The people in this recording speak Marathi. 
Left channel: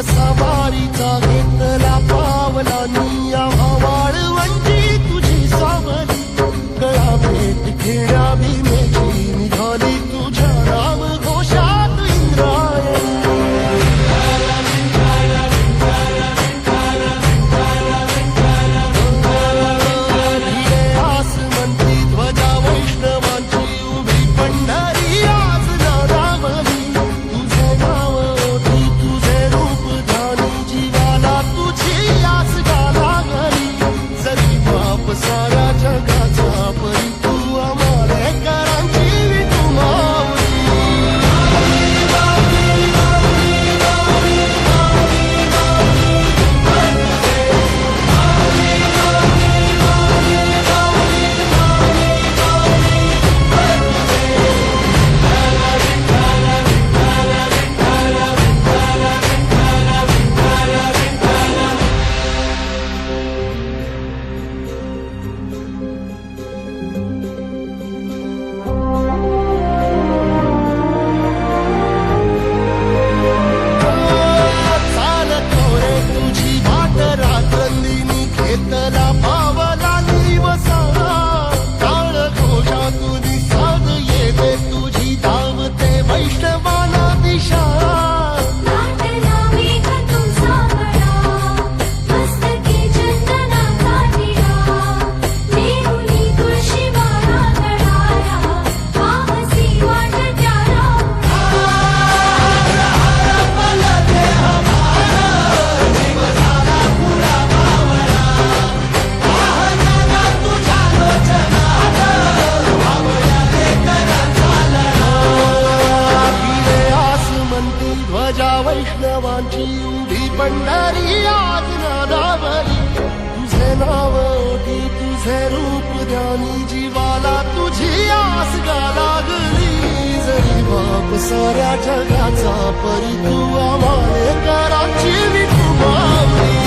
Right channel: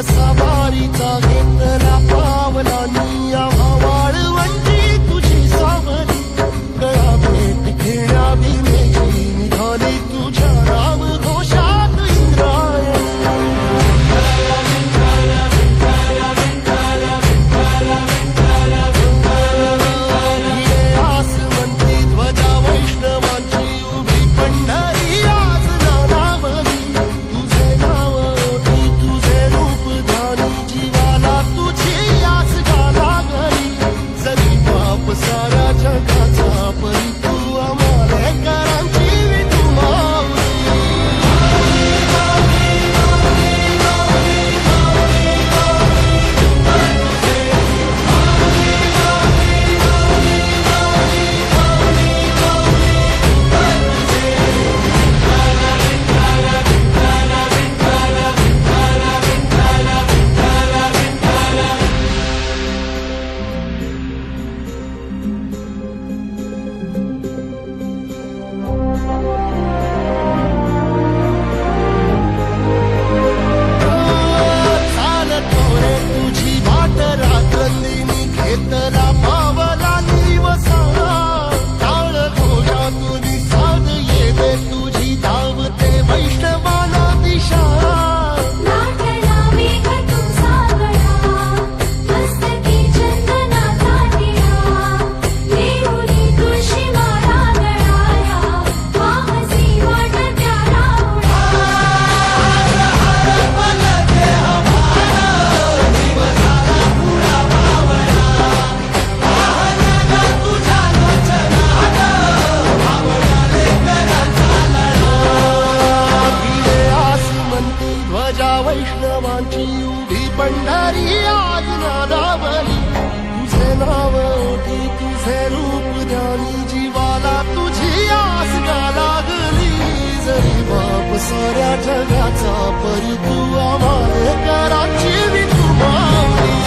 वसा वारीचा घेतला पावलांनी आम्हा वाळवंटी तुझी सावली गळा भेट घेण्या भीमेची निघाली तुझ्या नाम घोषात इंद्रायणी भिडे आसमंती ध्वजा वैष्णवांची उभी पंढरी आज नानावली तुझे नाव ओठी तुझे रूप ध्यानी जीवाला तुझी आस गाला गली जरी बाप साऱ्या जगाचा परी तू आम्हाले करांची विठू माऊली रात्रंदिनी घेतला पावला निवसा काळ घोषातून साध येते तुझी धावते वैष्णवाला दिशा ध्वजा वैष्णवांची उभी पंढरी आज नादावली तुझे नाव ओठी तुझे रूप ध्यानी जीवाला तुझी आस गा लागली जरी बाप साऱ्या जगाचा परी तू आम्हाले कराची विठू माऊली